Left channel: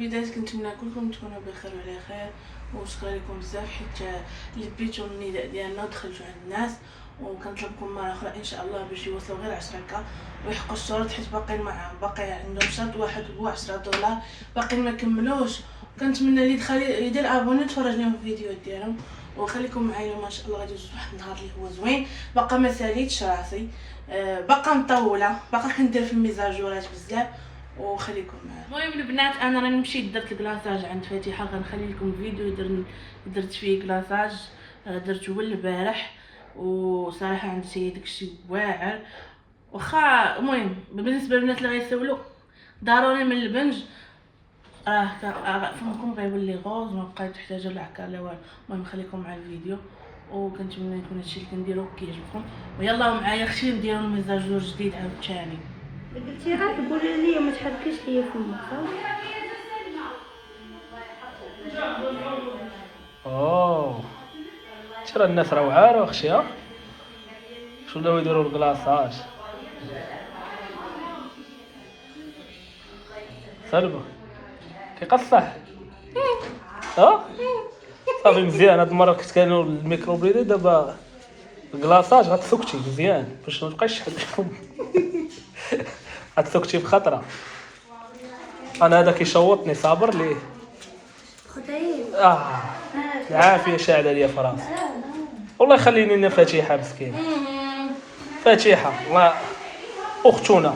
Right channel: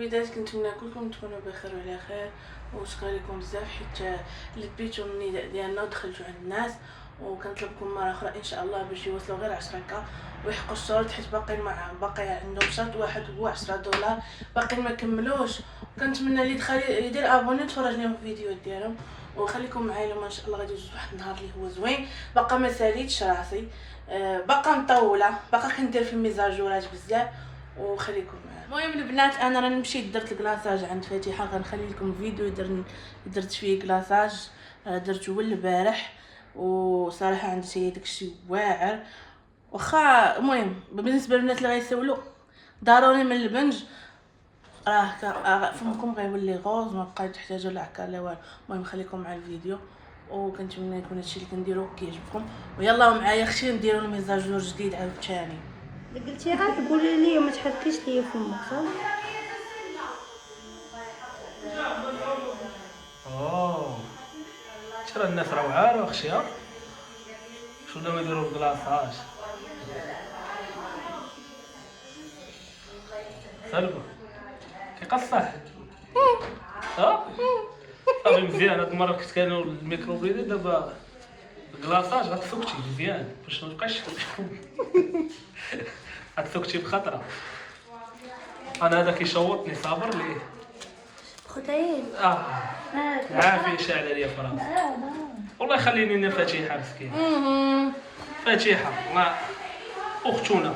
البداية كنتمنى كلكم تكونوا بخير وعلى خير، وشكرا لكم بزاف حيت لبيتوا النداء ديالنا ودخلتوا على الناس، وكنطلبكم مره اخرى ان شاء الله باش يوصلوا غير 10 ويحقوا الشروط، حيت باقيين معاهم باقي عندهم شرط واحد هو $10 باقيين ما كملوش. كنتمنى اللي دخل يدير ابوني وتفرجني في الفيديو ديالهم، وخليكم معايا اليوم ان شاء الله غادي يوجد واحد النهار اللي هو زوين. باقا ما ساليتش راسي، باقا مطوله، باقا كندير في الميزاجورات بزاف، وخليكم معايا. المهم البنات انا راني مشيت درت الكلاصاج عند فاتحه، غنخلي لكم فيديو درت فيه كلاصاج، درته هو البارح، وصراحه عندي حتى داكشي واعر. واخا المهم بالنسبه للبنات اللي غيسولوا ضروري من البنج فمكم غيولي غوز، ما بقاي تحتاجوا العكا لا والو. المهم خليكم مع الفيديو، وكنتمنى يكون هادشي اللي كنديرو كيعجبكم، ويلا معايا اختي نديرو الميزاجور جديد عاوتاني. قلتيها تقولي لي ما تحركيش ليا فمك صافي. ترى الناس راهو عاروا اختي شو بداو يديروا الكلاصاج. سلمى كيقصح صافي مزيان. هاد المره كنت كانوا الميكروبريدي، دابا الكلاصاج غتسكتي مزيان باش ما تبقايش غتسكتي بخطره. انا هذا كيشوطني صابر ليه خدي العافيه شاعله ليا في راسي. والله يخليني لنا فاتحه مسكين، فاتحه الله اختنا.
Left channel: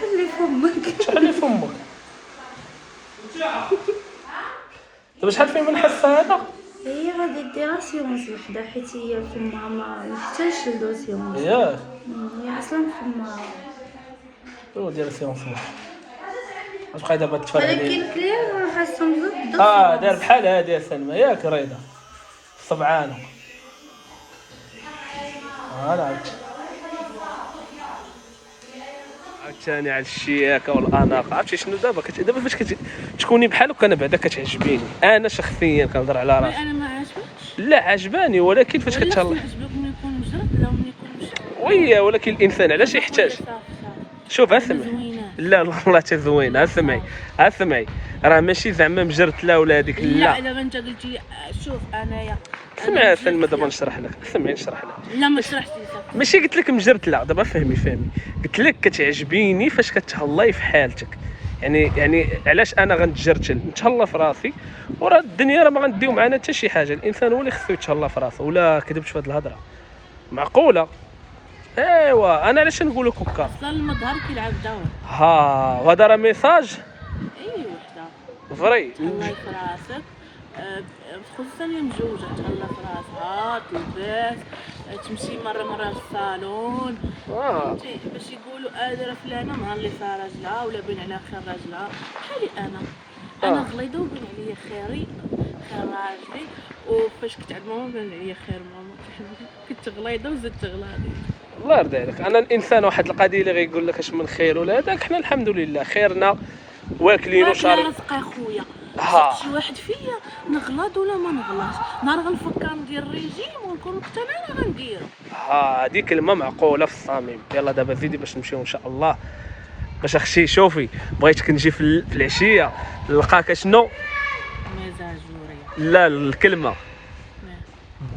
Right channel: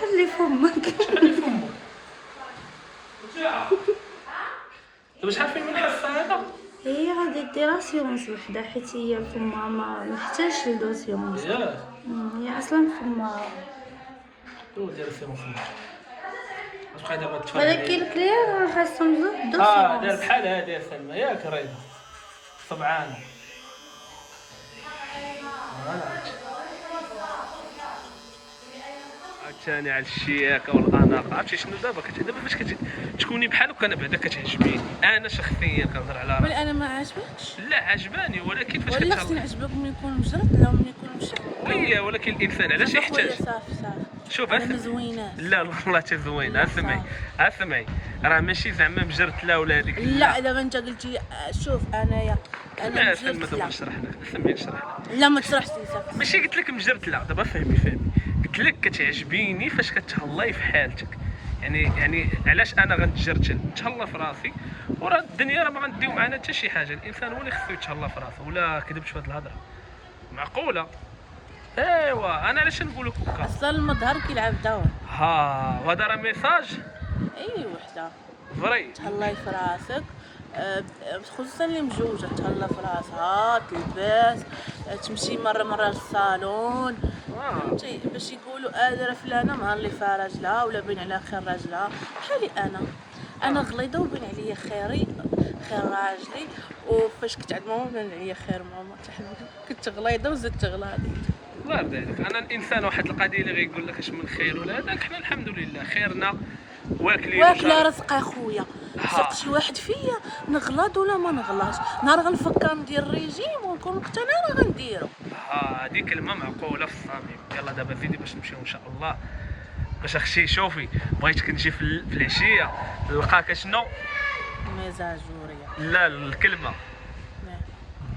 حلي فمك شحال فمك دابا شحال فيه من حصه هذا؟ هي غادي دير سيونس وحده حيت هي فمها ما محتاجش لدو سيونس. ياك هي اصلا فمها دير سيونس واش بقى دابا تتفرج عليه. ولكن كلير خاصو نزيد دار بحال هادي يا سلمى ياك ريضه صبعانو. عاوتاني على الشياكه والاناقه. عرفتي شنو دابا دابا فاش تكوني بحالك انا بعدا كتعجبيني انا شخصيا، كنهضر على راسي. انا ما عجبكش؟ لا عجباني، ولكن فاش كتهضر عجبك من يكون مجرد لا من يكون مشرب. وي ولكن الانسان علاش يحتاج. شوف اسمعي، لا والله حتى زوينه. اسمعي راه ماشي زعما مجرت لا ولا هذيك، لا دابا انت قلتي لي شوف انايا سمعي سلمى دابا نشرح لك. سمعي نشرح لك. لا ما تشرحش ماشي قلت لك مجرت لا، دابا فهمي قلت لك كتعجبيني فاش كتهلاي في حالتك. يعني علاش انا غنتجرتل نتهلا في راسي، وراه الدنيا راه ما غنديو معنا حتى شي حاجه. الانسان هو اللي خصو يتهلا في راسه، ولا كذبت في هذه الهضره معقوله. ايوا انا علاش نقول لك هكا؟ اصلا المظهر كيلعب دور. وهذا راه ميساج اي وحده فري تهلاي في راسك، خصوصا اللي مجوجه تهلا في راسها تلبس، تمشي مره للصالون باش يقولوا راه فلانه نهار اللي فيها راجلها ولا بين على خير راجلها. بحالي انا غليظه وبين عليا خير راجلي، وفاش كنت عند ماما بان عليا خير ماما. كنت غليظه وزدت غلاضي. الله يرضي عليك. انا الانسان واحد القضيه اللي غيقول لك اش من خير ولا هذاك، حنا الحمد لله خيرنا واكلين وشاربين. رزق اخويا شي واحد فيا نغلط ولا ما نغلطش، نهار غنفكر ندير ريجيم ونكون مقتنعه غنديرو. هذه كلمه معقوله في الصميم. يلا دابا زيدي باش نمشيو ان شاء الله. باش اختي شوفي بغيتك نجي في العشيه نلقاك شنو ميزاجوريه. لا الكلمه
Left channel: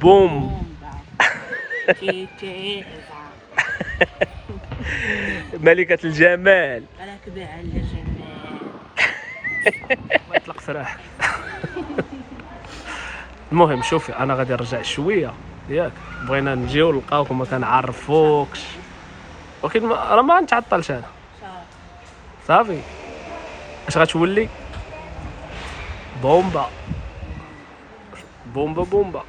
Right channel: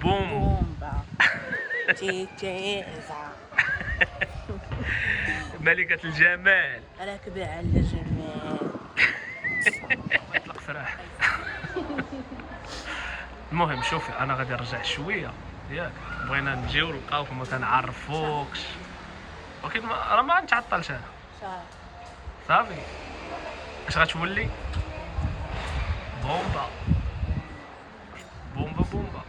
بومبا تيتيزا ملكة الجمال راكبة على الجمال. يطلق سراح. المهم شوفي انا غادي نرجع شويه ياك، بغينا نجيو نلقاوك وما كنعرفوكش، ولكن راه ما غنتعطلش انا صافي. اش غتولي؟ بومبا بومبا.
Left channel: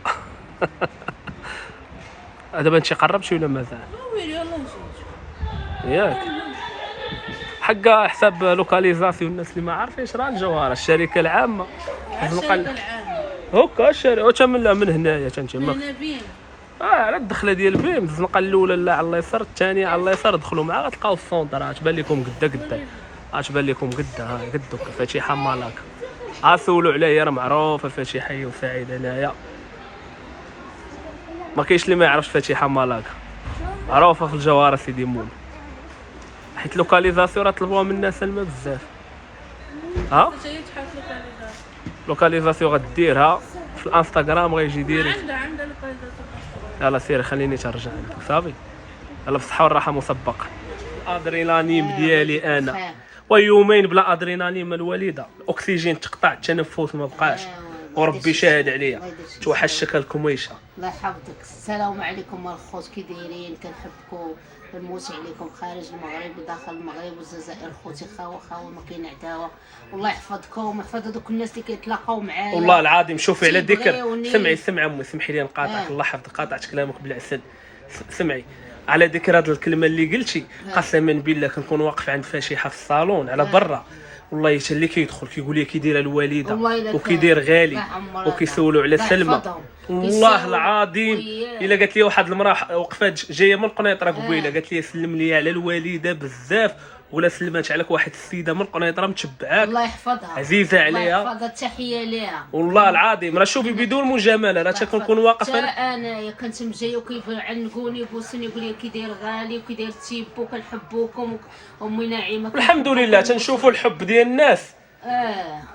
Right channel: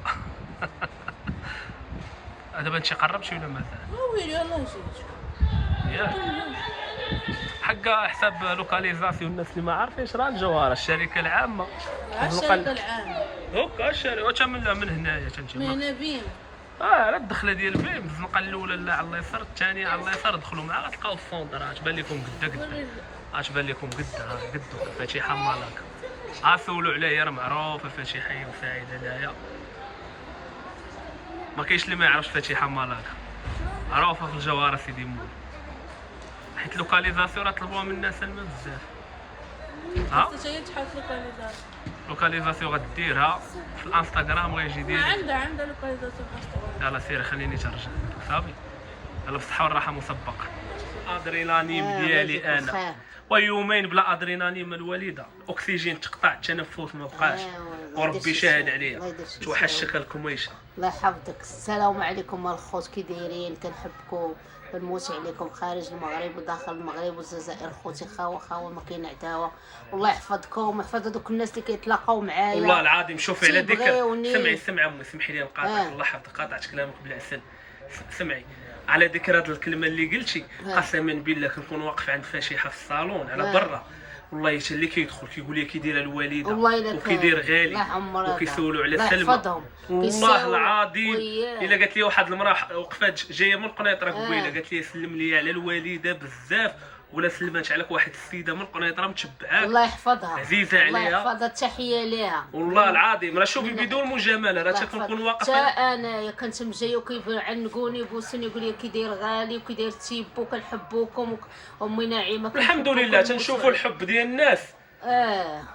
دابا انت قربتي ولا مازال؟ ويلي يلاه جيت ياك حق حساب لوكاليزاسيون. الناس اللي ما عارفينش راه الجوهره الشركه العامه. الشركه العامه هكا الشركه وتمن من هنايا تنتما هنا بين على الدخله ديال بيم. الزنقه الاولى لا على اليسار، الثانيه على اليسار. دخلوا معها غتلقاو السونتر. غتبان لكم قدا غتبان لكم قدا قدوك فاتحه مالاكا. سولوا عليا راه معروفه فاتحه وسعيد. انايا ما كاينش اللي ما يعرفش فاتحه مالاكا، معروفه في الجوهره سيدي مول، حيت لوكاليزاسيون راه طلبوها من الناس سلمى بزاف. ها حتى هي تحط لوكاليزاسيون. لوكاليزاسيون غديرها في الانستغرام غيجي ديريكت. عندها لوكاليزاسيون. يلا سير خليني ترجع عندك صافي. يلا بالصحه والراحه مسبقا. ادرينالين ديالي انا ويومين بلا ادرينالين من الوالده، الاكسجين تقطع، التنفس ما بقاش، وربي شاهد عليا توحشك الكميشه. الله يحفظك. السلام عليكم الخوت، كي دايرين؟ كنحبكم، كنموت عليكم خارج المغرب وداخل المغرب والجزائر. خوتي خاوه ما كاين عداوه. والله يحفظكم ويحفظ دوك الناس اللي كيتلاقاو معايا. والله العظيم شوفي على ذكر، تيبغيوني. سمعي امي، سمحي لي نقاطعك، الله يحفظك، قاطعت كلامك بالعسل. سمعي على ذكر هذه الكلمه اللي قلتي، قسما بالله كنكون واقف عند فاتحه في الصالون على برا، والله حتى اللي كيدخل كيقول لي كيدير الوالده وكيدير غالي وكيسولوا على سلمى. والله العظيم الا قالت لي واحد المراه وقفات جايه من قنيطره قبيله قالت لي سلم لي على الوالده بزاف، ولا سلمات عليك واحد السيده من قنيطره متبعاك الله يحفظها، عزيزه عليها، الله يحفظها، تحيه ليها. والله العظيم راه شوفي بدون مجامله راه كنكون واقف انا كنت مجيه وكيعنقوني يبوسوني يقول لي كي داير غالي وكي داير تيبو كنحبوكم امي نعيمه. الحمد لله تنشوفوا الحب ديال الناس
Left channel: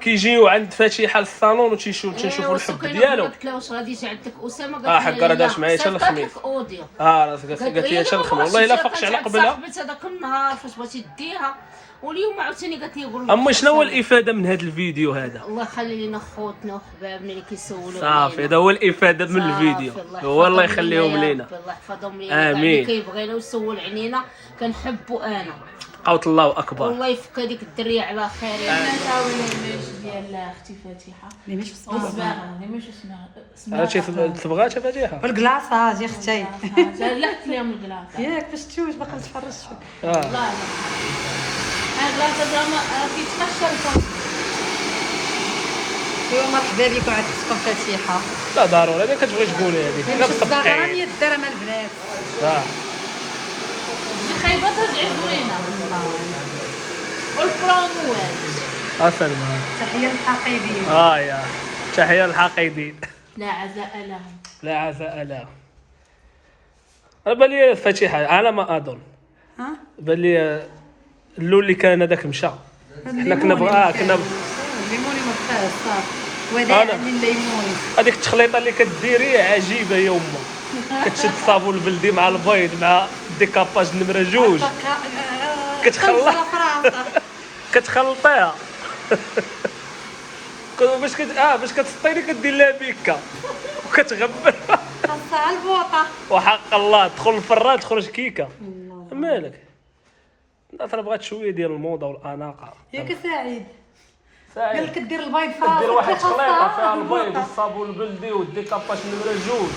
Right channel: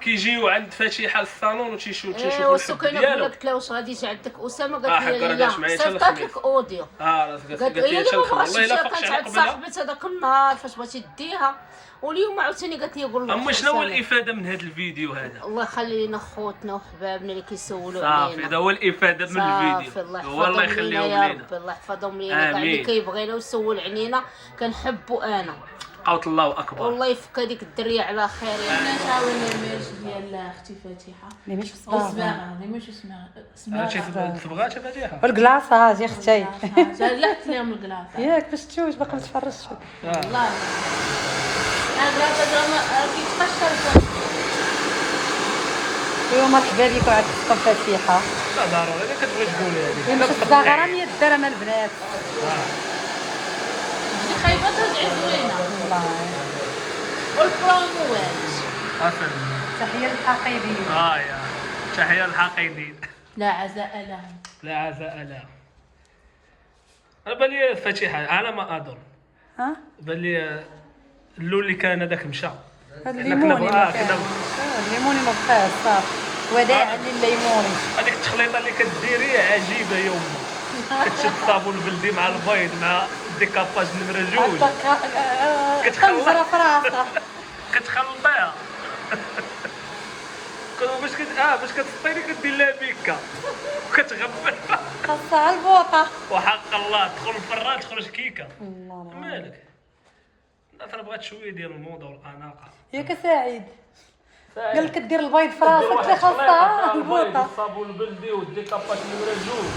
كيجيو عند فاتحه للصالون تنشوفوا الحب ديالهم. قلت لها واش غادي يجي عندك اسامه؟ قالت لي حق راه داش معايا حتى الخميس. اوديو قالت لي حتى الخميس، والله الا فقش على قبلها. صاحبتي هذاك النهار فاش بغيتي ديها، واليوم عاوتاني قالت لي قول امي شنو هو الافاده من هذا الفيديو هذا؟ الله يخلي لنا خوتنا وحبابنا اللي كيسولوا صافي هذا هو الافاده من الفيديو، هو الله يخليهم لينا، الله يحفظهم لينا، اللي كيبغينا ويسول علينا كنحبوا انا. قوت الله اكبر. والله يفك هذيك الدريه على خير. انا نحاول الميرج ديال اختي فاتحه اللي مش في اسمها اللي مش اسمها هادشي تبغات فاتحه الكلاصه يا اختي. زلت لهم الكلاصه ياك باش تشوف باقي ما تفرجتش. والله الكلاصه زعما كيتقشر اليوم مرحبا بك وعاد تكون فاتحه. لا ضروري الا كتبغي تقولي هذيك حنا غرامي مصدقين. الدار انا البنات. خايبه ترجع زوينه والبرومو اسلم. تحيه للحقيقيين. يا تحيه للحقيدين. لا عزاء لهم. لا عزاء لهم. بان لي فاتحه على ما اظن، ها بان لي اللول اللي كان هذاك مشى، حنا كنا كنا الليموني ما بقاش صافي. وداع للليموني. هذيك التخليطه اللي كديريها عجيبه يا امه، كتشد الصابون البلدي مع البيض مع الديكاباج نمره 2 كتخلطيها باش كتسطيني كدير لها بيكا وكتغبرها خاصها البوطه. وحق الله تدخل الفران تخرج كيكه. مالك الناس راه بغات شويه ديال الموضه والاناقه. ياك سعيد قال لك دير البيض فراسك. دير واحد الخليطه فيها البيض والصابون البلدي والديكاباج نمره 2.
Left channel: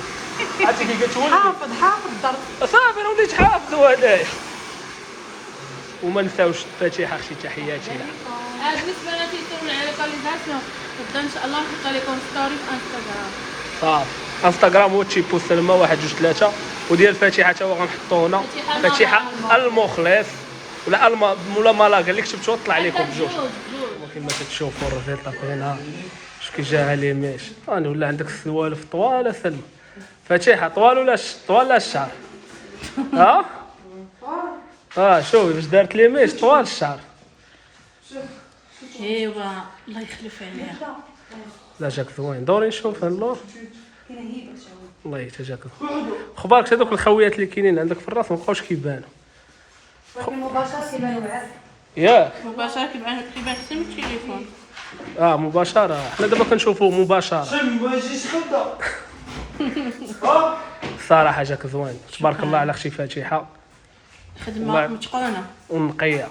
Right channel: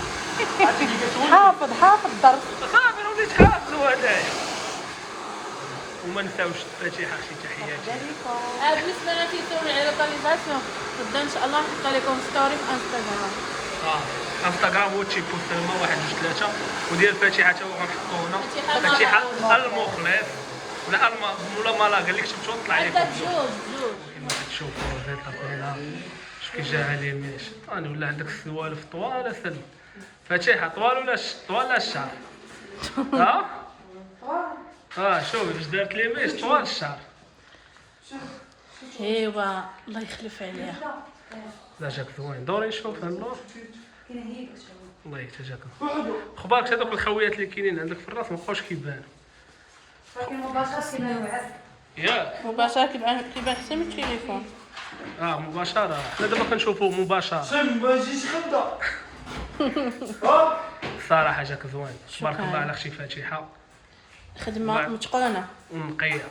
عرفتي كي كتولي حافظ الدرس. صافي راه وليت حافظو هنايا. وما نساوش الفاتحه اختي تحياتي لها. بالنسبه لنا تيسول على لوكاليزاسيون غدا ان شاء الله نحط لكم ستوري في انستغرام. صافي انستغرام هو تيبو سلمى 1 2 3 وديال فاتحه تا هو غنحطو هنا فاتحه المخلص ولا مالاكا اللي كتبتو طلع لكم بجوج. وكما كتشوفوا الريزلت هنا شوف كي جا عليه ماشي. راني ولا عندك السوالف طوال سلمى. فاتحه طوال ولا الشعر؟ شوفي باش دارت لي ميش طوال الشعر. ايوا الله يخلف عليها. لا جاك زوين دوري نشوف اللور. الله يتجاك. خبارك هذوك الخويات اللي كاينين عندك في الراس مابقاوش كيبانوا. ياك مباشره كيبان حتى من التليفون. مباشره حنا دابا كنشوفوا مباشره. الصراحه جاك زوين تبارك الله على اختي فاتحه. خدمه متقونه ونقيه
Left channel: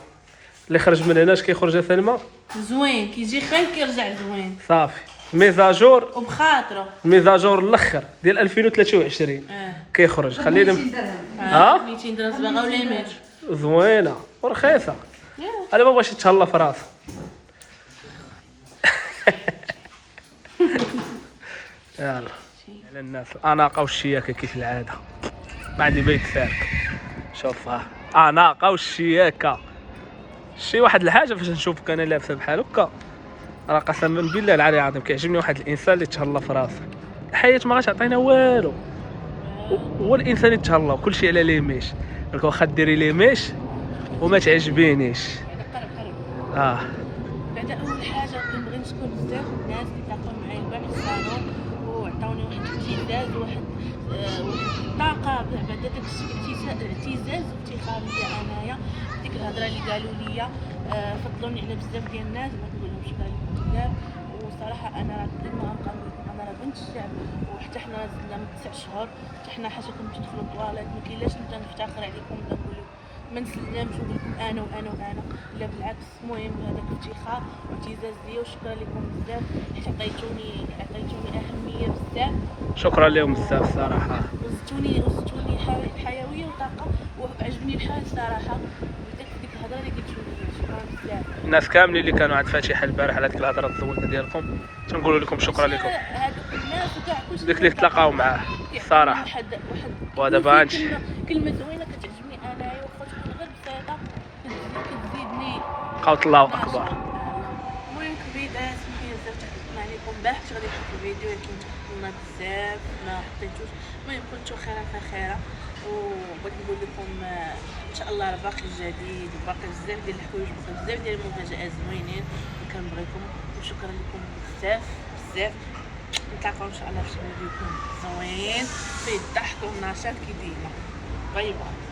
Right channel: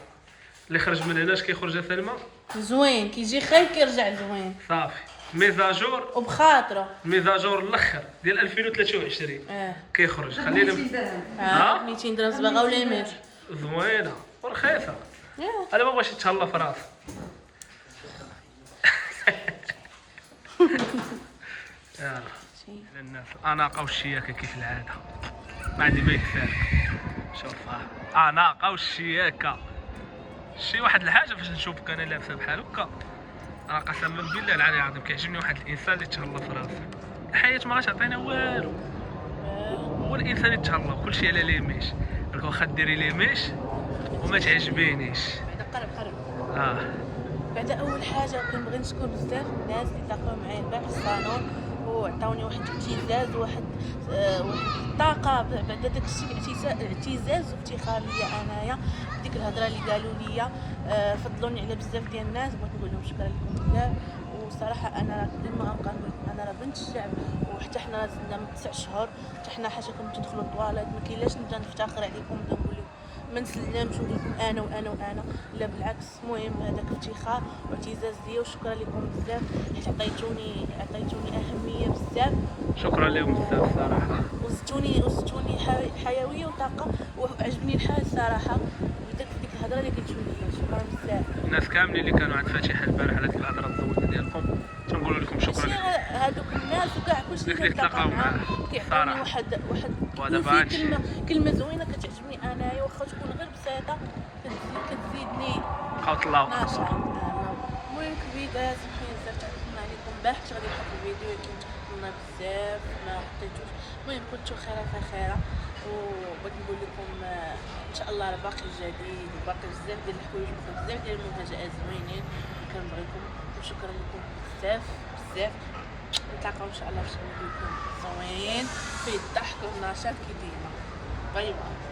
اللي خرج من هنا اش كيخرج سلمى زوين كيجي خايب كيرجع زوين صافي. ميزاجور وبخاطره ميزاجور الاخر ديال 2023 كيخرج. خلينا 200 درهم صباغه ولا مير زوينه ورخيصه. انا ما بغيتش نتهلا في راسي. يلا على الناس الاناقه والشياكه كيف العاده ما عندي بيت سارك. شوفها اناقه والشياكه شي واحد الحاجه فاش نشوفك انا لابسه بحال هكا راه قسما بالله العلي العظيم كيعجبني واحد الانسان اللي تهلا في راسه. الحياه ما غاتعطينا والو، هو الانسان يتهلا وكلشي على لي ميش. قالك واخا ديري لي ميش وما تعجبينيش بعد اول حاجه كنبغي نشكر بزاف الناس اللي تلاقاو معايا البارح في الصالون وعطاوني واحد الاعتزاز واحد الطاقه بعد داك الشيء، اعتزاز وافتخار ليا انايا. ديك الهضره اللي قالوا لي فضلوني على بزاف ديال الناس، بغيت نقول لهم شكرا لكم بزاف. وصراحه انا راه ديما غنبقى نقول لكم انا راه بنت الشعب، وحتى حنا راه زدنا من 9 شهور، حتى حنا حاشاكم تدخلوا الطواليت ما كاينلاش نبدا نفتخر عليكم نبدا نقول لكم ما نسلمش ونقول لكم انا وانا وانا، لا بالعكس. المهم هذاك افتخار واعتزاز ليا وشكرا لكم بزاف حيت عطيتوني اهميه بزاف. شكرا لهم بزاف الصراحه، وزدتوني حيويه وطاقه، وعجبني الحال صراحه بديك الهضره اللي قلتوا لي. شكرا بزاف الناس كاملين اللي كانوا عند فاتحه البارح على هذيك الهضره الزوينه ديالكم، تنقولوا لكم شكرا لكم. هذوك الناس وكاع كلشي داك اللي تلاقاو معاه الصراحه. واحد ودابا هادشي كلمه زوينه كتعجبني انايا، واخا تكون غير بسيطه كتزيدني قوت الله نشاط. اكبر. المهم كبيدات سمحوا بزاف تعبنا عليكم باش غادي نحط الفيديو ولكن تعبنا بزاف ما حطيتوش. المهم كنتو خيرا فخيرا، وبغيت نقول لكم ان شاء الله راه باقي جديد وباقي بزاف ديال الحوايج وباقي بزاف ديال المفاجآت زوينين، وكنبغيكم وشكرا لكم بزاف بزاف. نتلاقاو ان شاء الله في شي فيديو يكون زوين فيه الضحك والنشاط كي ديما. باي باي.